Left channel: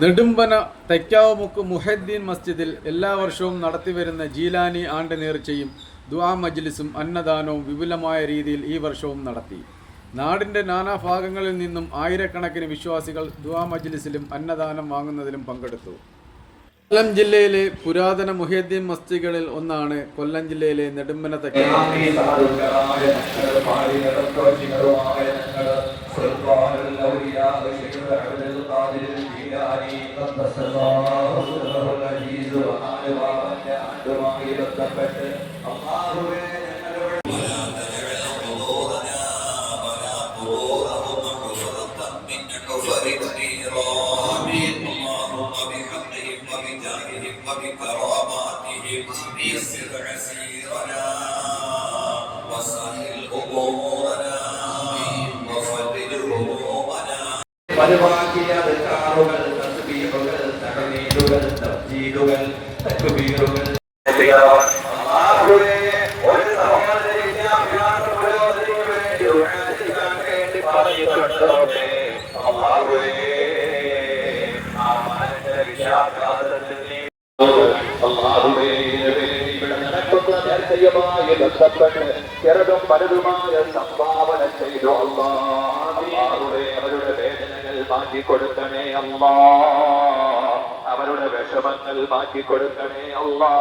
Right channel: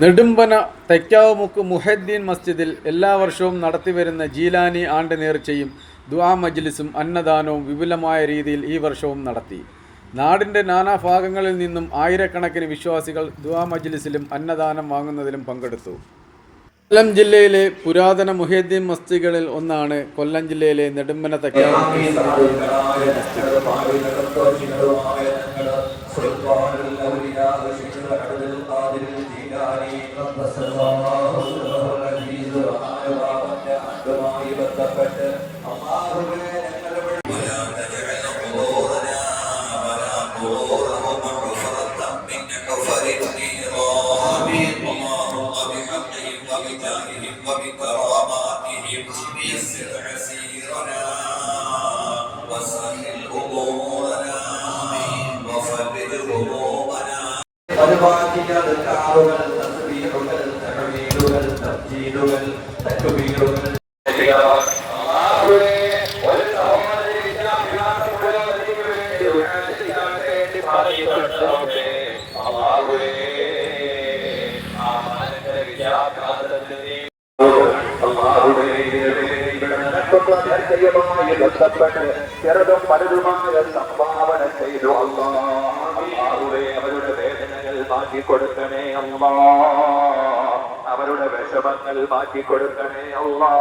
നെടുമ്പന തൈക്കാവുമുക്ക് മുഹദ്ദീൻ മസ്ജിദിൽ എല്ലാ വർഷവും നടത്തിവരുന്ന ജീലാനി ആണ്ട് നേർച്ചയും ദുആ മജ്ലിസും അന്നദാനവും വിപുലമായ രീതിയിൽ ഈ വർഷവും നടത്തി. നാടിൻ്റെ നാനാഭാഗങ്ങളിൽ നിന്നും ആയിരക്കണക്കിന് വിശ്വാസികൾ ദുആ മജ്ലിസിലും അന്നദാനം വാങ്ങുന്നതിലും പങ്കെടുത്തു. കൊല്ലം ജില്ലയിലെ പുരാതന മുഹദ്ദീൻ മസ്ജിദുകളിൽ ഒന്നാണ് കൊല്ലം ജില്ലയിലെ നെടുമ്പന തൈക്കാവുമുക്ക് ചെറുതും പലതുമായ സംഭാവന ചെയ്തു അവരുടെ വേദനകൾ മാറ്റിക്കൊടുക്കണേ അല്ലാ, അവരുടെ വിഷമങ്ങൾ മാറ്റിക്കൊടുക്കണേ അല്ലാ,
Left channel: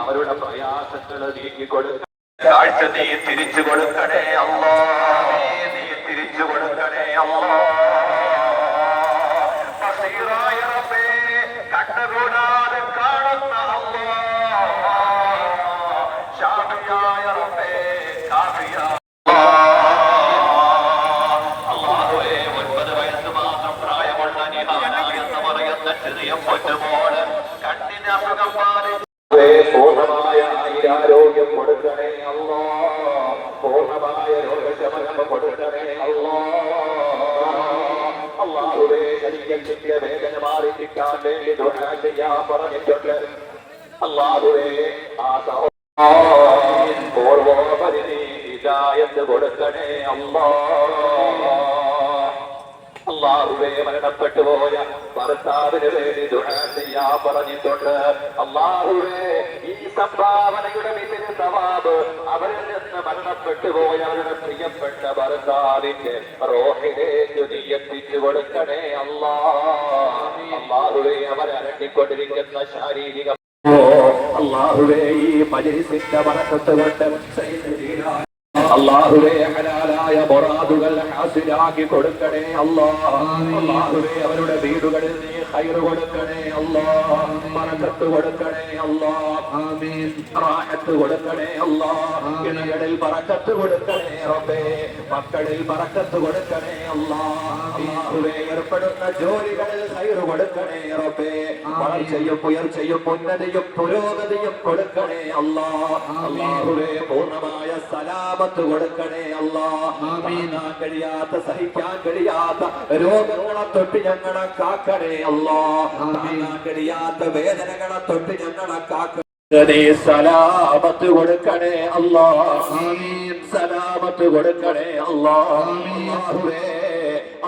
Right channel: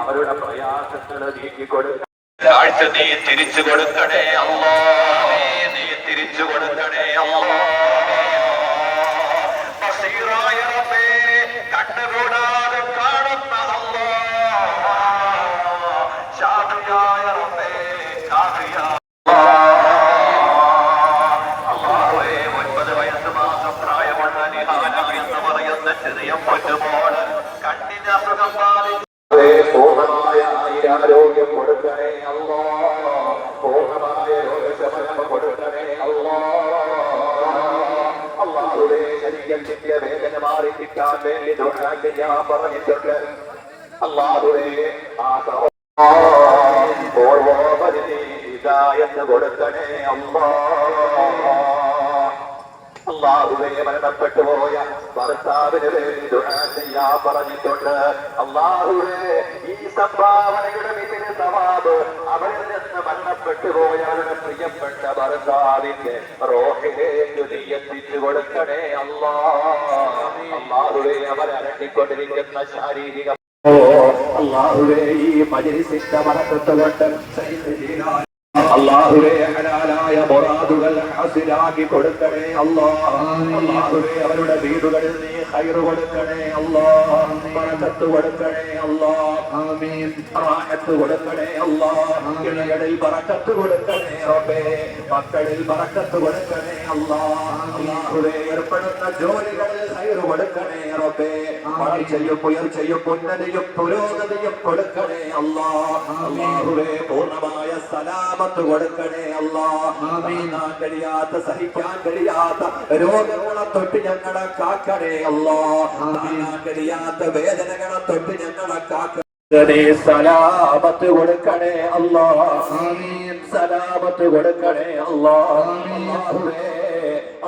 അവരുടെ പ്രയാസങ്ങൾ നീക്കിക്കൊടുക്കണേ. കാഴ്ച നീ തിരിച്ചു കൊടുക്കണേ അല്ലാ, നീ തിരിച്ചു കൊടുക്കണേ അല്ലാ. ബസീറായ റബ്ബേ, കണ്ണുകൂടാതെ കാണുന്ന അല്ലാ, ഷാഫിയായ റബ്ബേ, കാഫിയായ അല്ലാഹുവേ, 9 വയസ്സ് മാത്രം പ്രായമുള്ള നിഹാന എന്ന് പറയുന്ന ചെറിയ പൊന്നുമോള് കണ്ണിന് അസുഖം ബാധിച്ചു പൂർണ്ണമായ ആരോഗ്യം കൊടുക്കണേ അല്ലാ, പൂർണ്ണമായ രോഗശമനം കൊടുക്കണേ അല്ലാ. അല്ലാഹുവേ, ശരീരത്തിന്റെ വേദന മാറി കിട്ടാൻ വേണ്ടി ദുആ ചെയ്യാൻ പറഞ്ഞിട്ടുണ്ട്. അല്ലാഹുവേ, ആ ഓർമ്മ ഹിദായത്ത് കൊടുക്കണേ അല്ലാ. അല്ലാഹുവേ, മരണപ്പെട്ടു പോയ ഭർത്താവിന് വേണ്ടി ദുആ ചെയ്യാൻ പറഞ്ഞിട്ടുണ്ട്. അല്ലാഹുവേ, ഈ സംഭാവനയുടെ മികച്ച സവാബ് അവരിൽ നിന്ന് മരണപ്പെട്ടു പോയ അവരുടെ പ്രിയപ്പെട്ട ഭർത്താവിന്റെ റൂഹിലേക്ക് നീ എത്തിച്ചു കൊടുക്കണേ അല്ലാ. അല്ലാഹുവേ, അവരരണ്ടിക്കൊണ്ടിരിക്കുന്ന ശാരീരിക അല്ലാഹുവേ, ഈ മജ്‌ലിസിന്റെ ബറക്കത്ത് കൊണ്ട് അല്ലാഹുവേ, ഹലാലായ മുറാദുകൾ ഹാസിലാക്കി കൊടുക്കണേ അല്ലാ. അല്ലാഹുവേ, അവരുടെ വീടുകളിൽ നീ ഖൈർ കൊടുക്കണേ അല്ലാ, ബറക്കത്ത് കൊടുക്കണേ അല്ലാ, ആമീൻ, റാഹത്ത് കൊടുക്കണേ അല്ലാ. ഇണകളിൽ ബറക്കത്ത് കൊടുക്കണേ റബ്ബേ, മക്കളിൽ ബറക്കത്ത് കൊടുക്കണേ അല്ലാ. അല്ലാഹുവേ, ഏർപ്പെടുന്ന ജോലികളിൽ ഖൈർ കൊടുക്കണേ റബ്ബേ, വളർച്ചയും ഉയർച്ചയും ഉന്നതിയും പുരോഗതിയും കൊടുക്കണേ അല്ലാ. അല്ലാഹുവേ, പൂർണ്ണമായ സലാമത്ത് കൊടുക്കണേ അല്ലാ. താങ്ങാൻ കഴിയാത്ത സഹിക്കാൻ കഴിയാത്ത രോഗങ്ങളെ തൊട്ട് ഞങ്ങളെ കാക്കണേ അല്ലാ. താങ്ങാൻ കഴിയാത്ത വേദനകളെ തൊട്ട് ഞങ്ങളെ കാക്കണേ. സലാമത്ത് കൊടുക്കണേ അല്ലാ, ആമീൻ, സലാമത്ത് കൊടുക്കണേ അല്ലാ.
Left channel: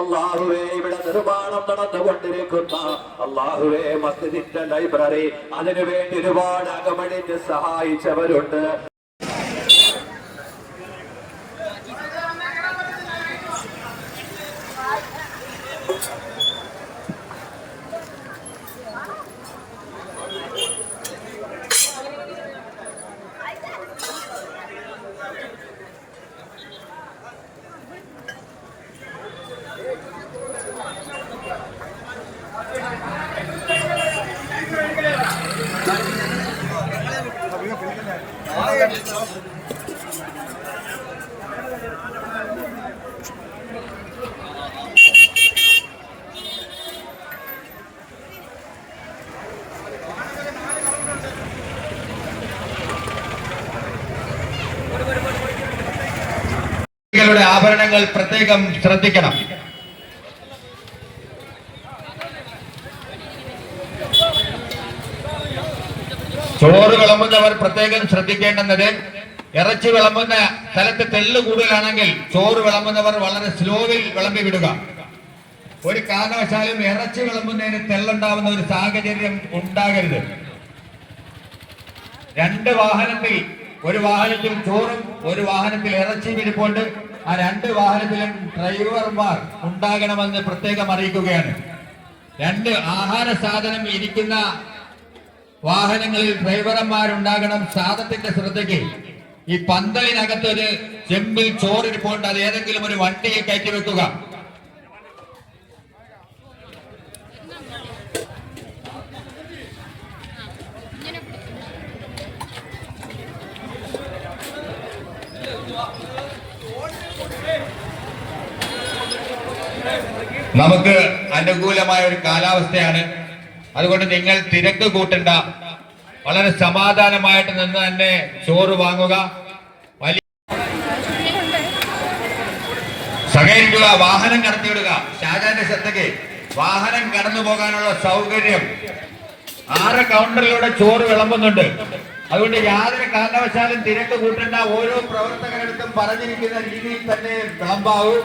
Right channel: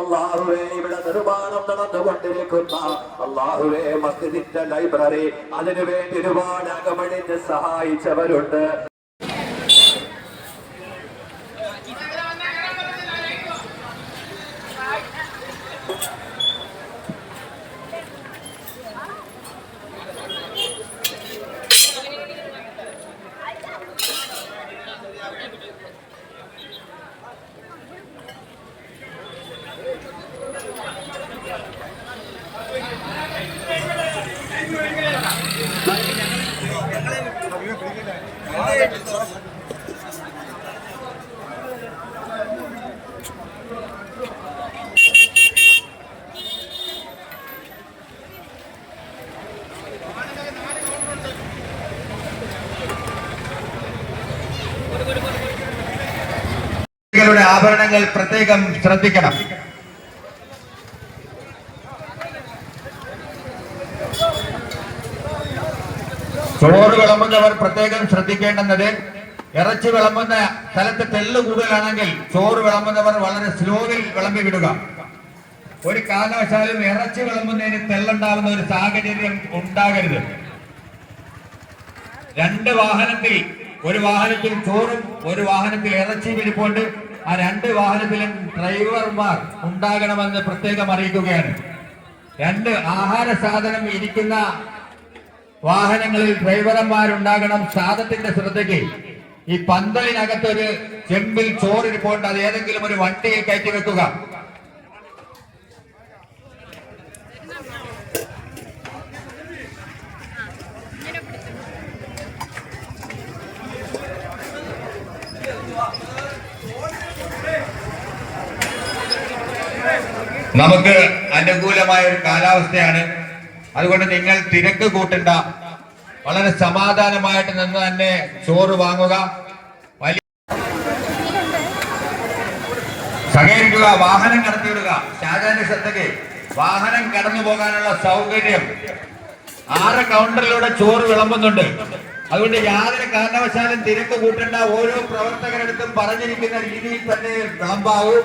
അല്ലാഹുവേ, ഇവിടെ നിർമ്മാണം നടന്നുകൊണ്ടിരിക്കുന്ന അല്ലാഹുവേ മസ്ജിദിന്റെ ലൈബ്രറി, അതിനുവേണ്ടി ഒരുപാട് അകമഴിഞ്ഞ് സഹായിച്ചവരുണ്ട്. ആഭരണങ്ങൾ പ്രത്യേകം ശ്രദ്ധിക്കണം. ചോറ് വിളമ്പുന്നവർ പ്രത്യേകം ശ്രദ്ധിക്കേണ്ടുന്നത്, ഇറച്ചി വിളമ്പുന്ന സ്ഥലത്ത് തെള്ളു കൂടുതലാണെങ്കിൽ ചോറ് വിളമ്പുന്നവർ വളരെ സ്ലോവിൽ വിളമ്പി വിടുക. ഒരു കാരണവശാലും ഇറച്ചി വിളമ്പുന്നതിന് തെള്ളുണ്ടാവുന്ന ഒരു സാഹചര്യം ഉണ്ടാകരുത്. രണ്ട് വാഹനത്തിൽ, ഒരു വാഹനത്തിൽ ചോറും ഒരു വാഹനത്തിൽ ഇറച്ചിയും ഇരിപ്പുണ്ട്. ആ രണ്ട് വാഹനത്തിലും ഡ്രൈവർമാർ ഉണ്ടാകണമെന്ന് പ്രത്യേകം അറിയിക്കുകയാണ്. രണ്ട് ആഹാര സാധനം ഇരിക്കുന്ന വാഹനങ്ങളിൽ ഡ്രൈവർമാരുണ്ടാകണം. സാധനത്തിന്റെ ശ്രദ്ധയ്ക്ക് ഈ പന്തലിനകത്തൊരു ചെമ്പിൽ ചോറിരിപ്പുണ്ട്. അത് ഏതെങ്കിലും ഒരു വണ്ടിയെ കയറ്റി വെക്കുക. നമുക്ക് അനുകൂലമായ ഒരു കാലാവസ്ഥയാണ്. അതുകൊണ്ട് നിങ്ങൾ തിരക്ക് കൂട്ടണ്ട, വളരെ സമാധാനമായിട്ട് നിന്ന് തന്നെ ചോറ് വാങ്ങുക. വലിയ സഹകരിക്കുക, വാഹനം കടത്തിവിടുക. ഷാജാന്റെ ശ്രദ്ധയ്ക്ക് വാഹനം കടന്നു പോകാനുള്ള സൗകര്യം 6 കൗണ്ടറിലൂടെ ചോറ് വിളമ്പുന്നുണ്ട്. അതുകൊണ്ട് യാതൊരു കാരണവശാലും തിരക്ക് കൂട്ടേണ്ട. ഓരോ പ്രവർത്തകരെടുത്തും പറഞ്ഞിരിക്കുന്ന രീതിയിൽ തന്നെ വിളമ്പാവൂ.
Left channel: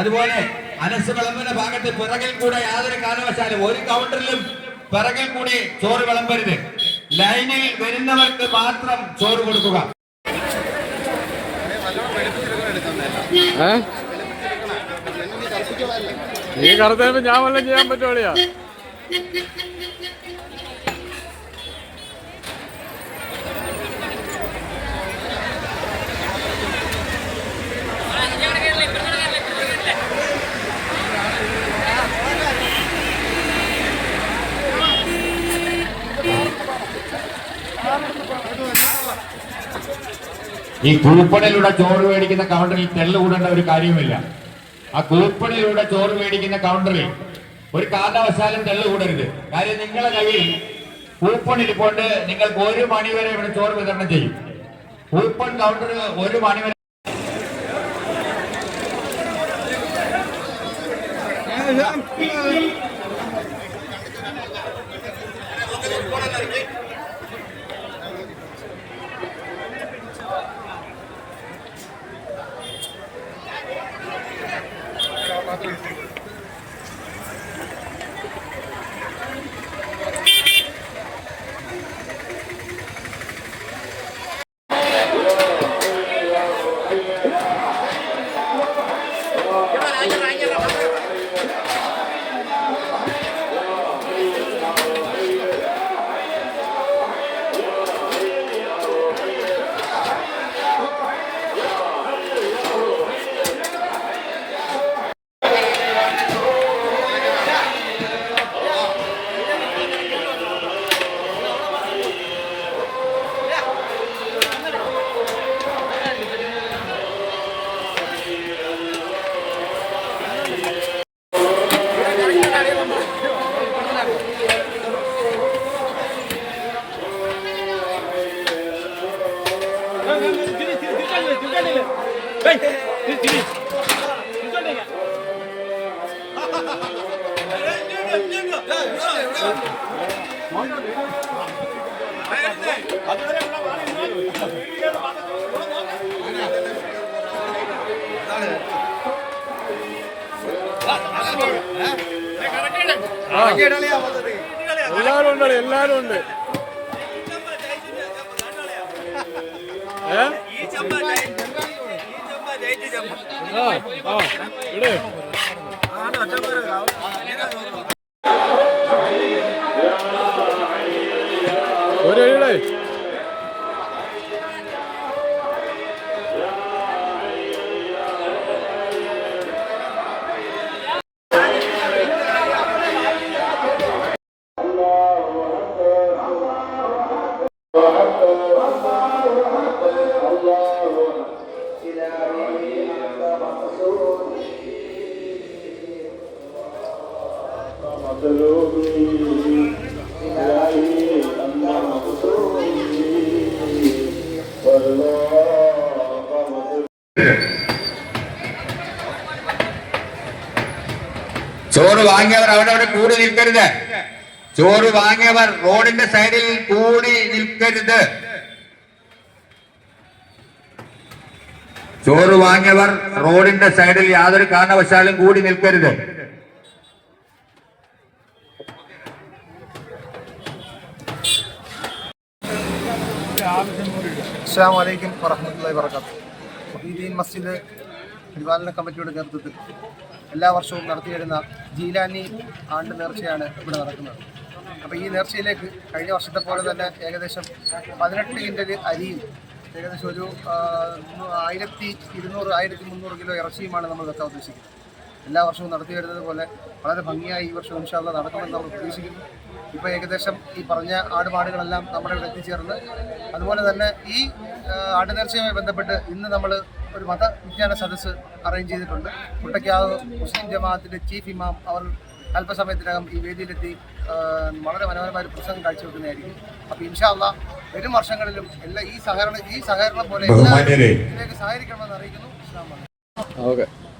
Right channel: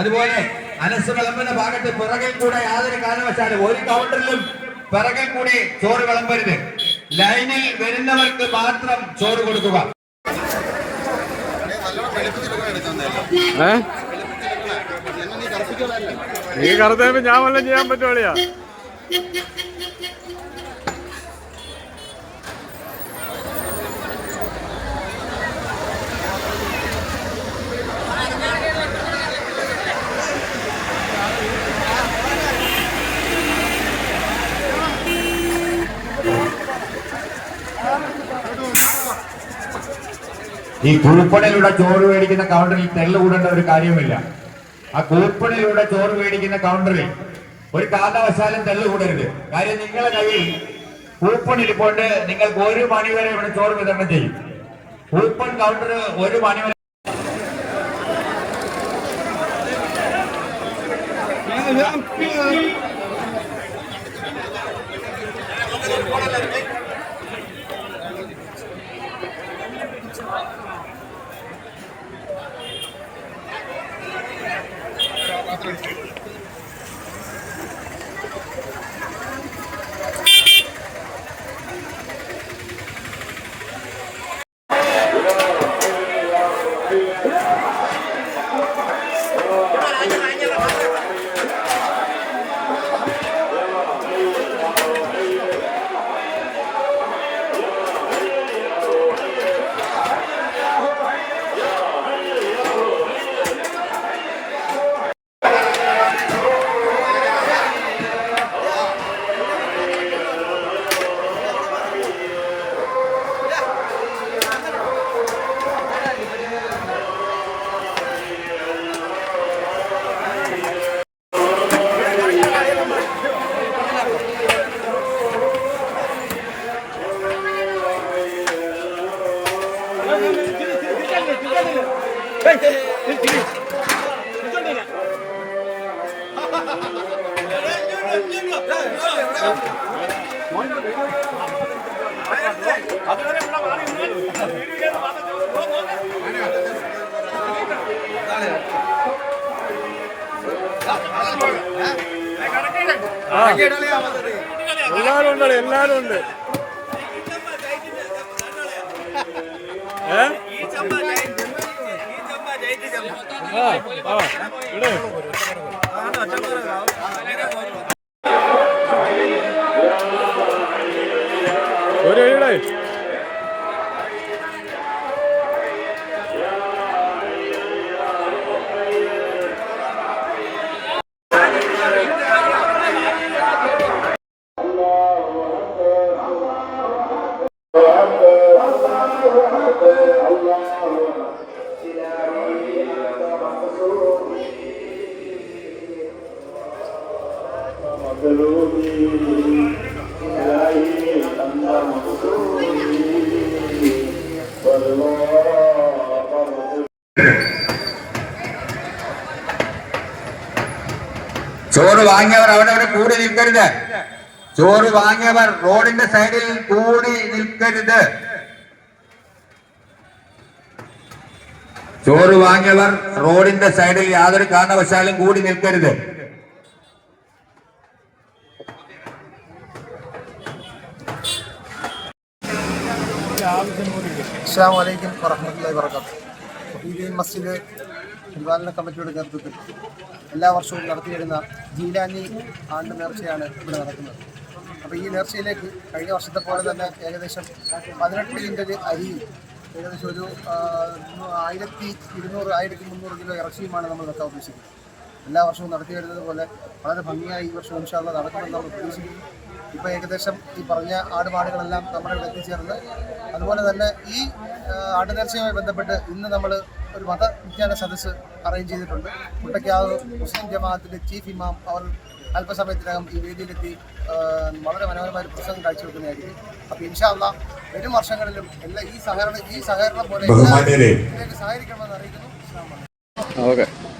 അതുപോലെ അനസ് വിളമ്പുന്ന ഭാഗത്ത് പിറകിൽ കൂടെ യാതൊരു കാരണവശാലും ഒരു കൗണ്ടറിലും പിറകിൽ കൂടി ചോറ് വിളമ്പരുത്. ലൈനിൽ വരുന്നവർക്ക് മാത്രം ചോറ് കൊടുക്കുക. ഈ കറുത്തപ്പോ ഞാൻ വല്ലതും ചെയ്യാൻ പറ്റുമോളിയാ? ഈ കൂപ്പണിലൂടെ ചോറ് മേടിക്കുന്ന കൗണ്ടറിൽ തെള്ളു കൂടേണ്ട ഒരു കാര്യവുമില്ല. ആ കൂപ്പണിലൂടെ ചോറ് മേടിക്കുന്ന കൗണ്ടറിൽ ഒരു കാരണവശാലും തെള്ളു കൂടരുത്. കാര്യം നിങ്ങളുടെ കയ്യിൽ കൂപ്പൺ ഇരിപ്പുണ്ട്. നിങ്ങൾക്ക് 1 മണി വരെ ഇവിടെ ചോറ് വിതരണം ചെയ്യും. കൂപ്പൺ കൗണ്ടർ 1 മണി വരെ. എല്ലാരും ഉണ്ട്, എല്ലാരും ഉണ്ട്. ഒരു എഴുടെ ചോറ് വാങ്ങിയവർ അവിടെ കൂടി നിൽക്കരുത്. ചോറ് വാങ്ങിയവർ റോഡിന്റെ സൈഡിൽ കൂടി നിൽക്കരുത്. ചോറ് വാങ്ങിയവർ റോഡിന്റെ സൈഡിൽ യാതൊരു കാരണവശാലും കൂടി നിൽക്കരുത്. അസ്സലാമു അലൈക്കും വറഹ്മത്തുള്ളാഹി വബറകാതുഹു. മുഹീദ്ദീൻ മസ്ജിദ് പരിപാലന കമ്മിറ്റിയുടെ നേതൃത്വത്തിൽ എല്ലാ വർഷവും നടത്തിവരുന്ന ജീലാനി ആണ്ട് നേർച്ചയാണ് ഇവിടെ നടക്കുന്നത്. അപ്പോൾ ഈ നേർച്ചയിലേക്ക് കഴിഞ്ഞ വർഷത്തെ പോലെ തന്നെ ഏകദേശം 18 കിൻഡൽ അരിയും ഏകദേശം ഒരു 1200-1300 കിലോ ഇറച്ചിയുമാണ് നമ്മൾ വെക്കാൻ ഉദ്ദേശിക്കുന്നത്. എല്ലാ വർഷവും നടത്തി വരുന്നത് പോലെ വളരെ ഭംഗിയായി ഈ വർഷം ഇൻഷാ അല്ലാഹ് നടക്കുമെന്ന് നമ്മൾ പ്രതീക്ഷിക്കുന്നു. ഇപ്പോൾ ഏകദേശം ഈ പറഞ്ഞ ആടുമാടുകളെല്ലാം നമ്മുടെ ഇവിടെ എത്തിച്ചേർന്ന്, അതുപോലെ തന്നെ ഈ ആടുനേർച്ചയുമായി ബന്ധപ്പെട്ട് ഇന്ന് നമ്മൾ ഒരു മതവിജ്ഞാന സദസ്സ് അറേഞ്ച് ചെയ്തിട്ടുണ്ട്. മുട്ടയ്ക്കാവ് മുസ്ലിം ജമാഅത്തിൻ്റെ ചീഫ് ഇമാം അവർ അല്പസമയത്തിനകം ഈ വേദിയിലെത്തി വളരെ മനോഹരമായ ഒരു പ്രസംഗം കാഴ്ചവെക്കുന്നതായിരിക്കും. അപ്പോൾ ഇൻഷാ അല്ലാഹ് വരും വർഷങ്ങളിലും എല്ലാ ഈ സഹകരണം പോലെ ഇതിലേക്ക് സഹകരിക്കണമെന്ന് അറിയിക്കുന്നു.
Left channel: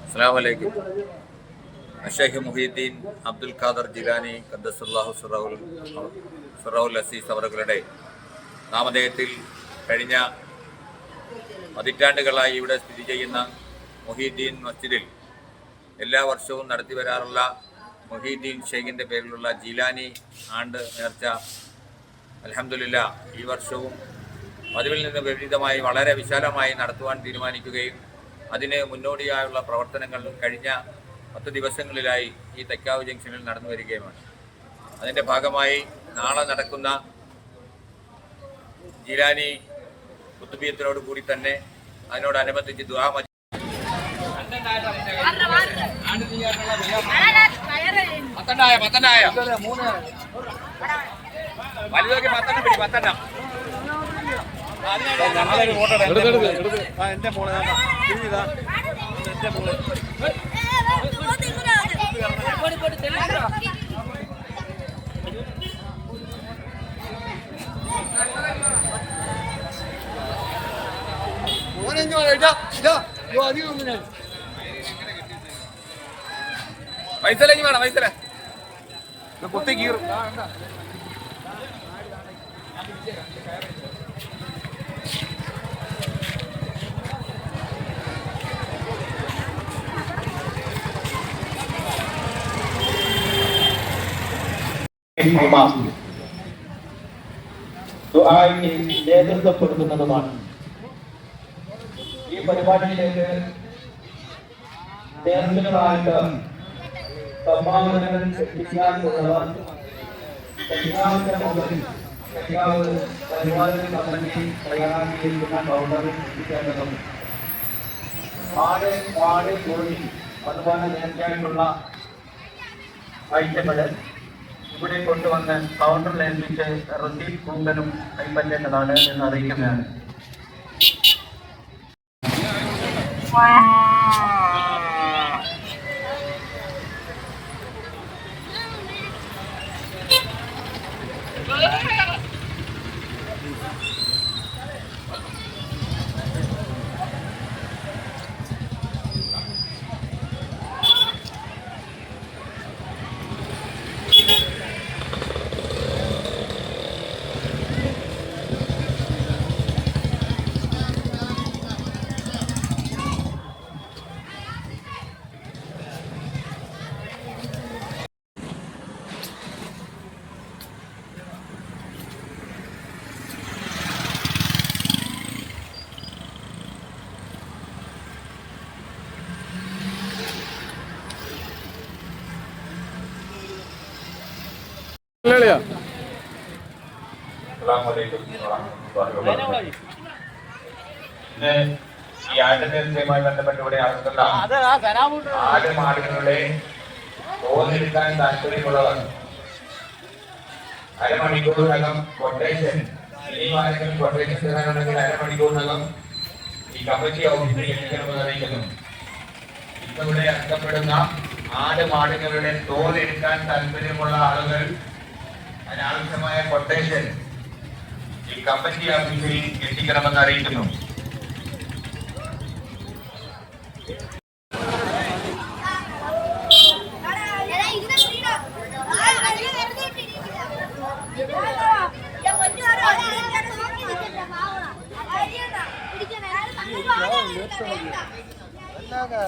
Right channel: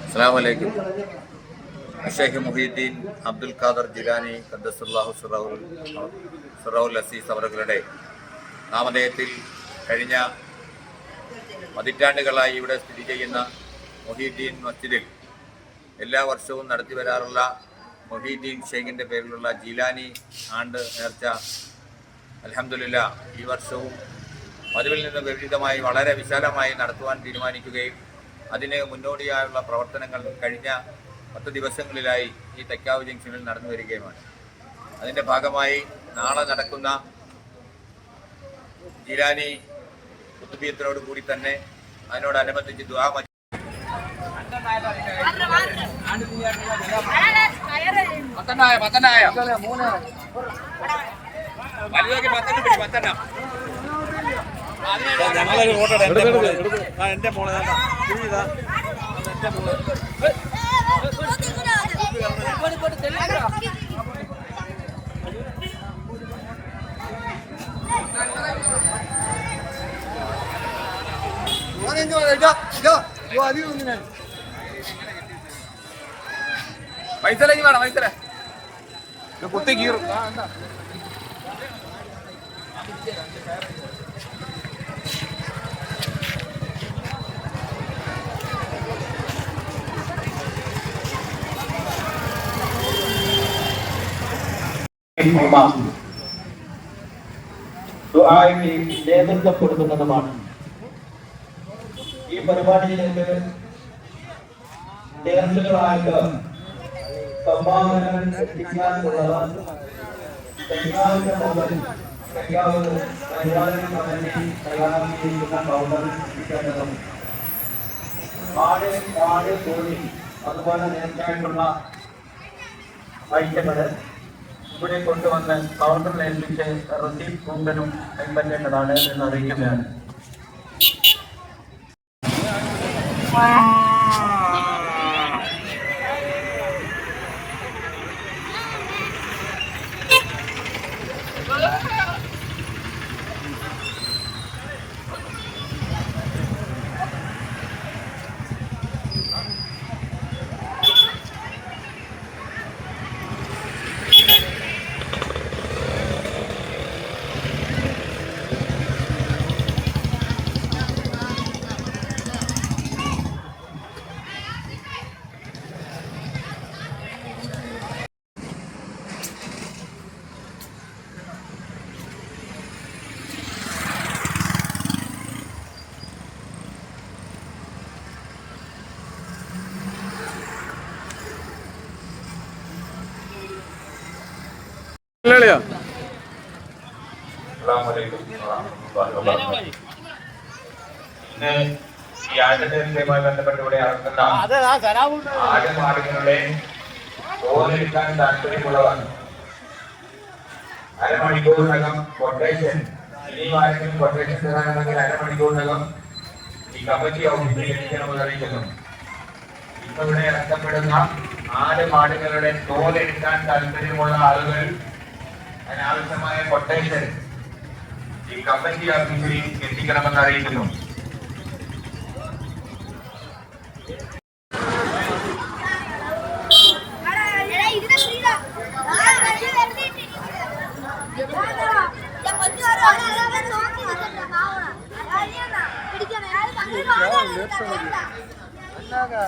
അസ്സലാമു അലൈക്കും. ഷെയ്ഖ് മുഹീദ്ദീൻ അബ്ദുൽ ഖാദർ ജിലാനി ഖദ്ദസുല്ലാഹു സിറൗൽ അസീസ് അവരുടെ നാമധേയത്തിൽ കഴിഞ്ഞ പതിറ്റാണ്ടുകളായി ഇവിടെ സ്ഥിതി ചെയ്യുന്ന മുഹീദ്ദീൻ മസ്ജിദിൽ എല്ലാ വർഷവും നടത്തി വരാറുള്ള മുഹീദ്ദീൻ ഷെയ്ഖിൻ്റെ പേരിലുള്ള ജീലാനി ആണ്ട് നേർച്ച അൽഹംദുലില്ലാ ഈ വർഷവും പതിവിൽ നിന്ന് വിപരീതമായി വളരെ വിശാലമായി നടത്തുവാൻ തീരുമാനിക്കുകയും അതിന് മുന്നോടിയായുള്ള പ്രവർത്തനങ്ങൾ കഴിഞ്ഞ 10 ദിവസങ്ങളിലായി ഈ തെക്കാവ് ജംഗ്ഷനിൽ നടന്നു വരികയുമാണ്. അതിൻ്റെ ഭാഗമായി നാളെ നടക്കുന്ന ജീലാനി കുത്തുബിയത്തിനോട് കൂടി തന്നെ അതിനോടനുബന്ധിച്ച് ദുആ മൈസലേക്ക് വേണം, മൈസല കുത്തി കീറും. നേതൃത്വപ്പെടുത്തുന്നതുമാണ്. ഈ പരിപാടിയിലേക്ക് നേതൃത്വമായിട്ട് സംഭാവനകൾ എത്തിക്കാനുള്ളവർ പരിപാലന കമ്മിറ്റി തയ്യാറാക്കിയിരിക്കുന്ന കൗണ്ടറിൽ എത്തിക്കേണ്ടതും ആട് കോഴി അതുപോലെ നേർച്ചയായിട്ടുള്ള ഐറ്റങ്ങൾ ഇവിടെ കൊണ്ടുവന്ന് കൗണ്ടറിൽ ഏൽപ്പിച്ച് റസീദ് കൂന്തലും കൈപ്പറ്റേണ്ടതാണ് എന്ന് അറിയിക്കുന്നതാണ്. ഇന്ന് ഈ ആടുനേർച്ചയുമായി ബന്ധപ്പെട്ട് ഇവിടെ നടക്കുന്ന ആടുമാടുകളുടെ തോലെടുക്കാൻ താല്പര്യമുള്ളവർ അരമണിക്കൂറിനകം കൊട്ടേഷൻ, ഇനി ആരെങ്കിലും കൊട്ടേഷൻ തരാനുണ്ടെങ്കിൽ അരമണിക്കൂറിനകം ഈ കമ്മിറ്റി ഓഫീസിൽ എത്തിക്കണമെന്ന് അറിയിക്കുന്നു. ഇപ്പൊ ഇവിടെ ഇറക്കപ്പെടുന്ന ആടുമാടുകളുടെ തോലെടുക്കാൻ താല്പര്യമുള്ള ആളുകൾ അതിനാവശ്യമായ കൊട്ടേഷൻ ഈ കമ്മിറ്റി ഓഫീസിൽ എത്തിക്കണമെന്ന് അറിയിക്കുന്നു. അല്ലാതെ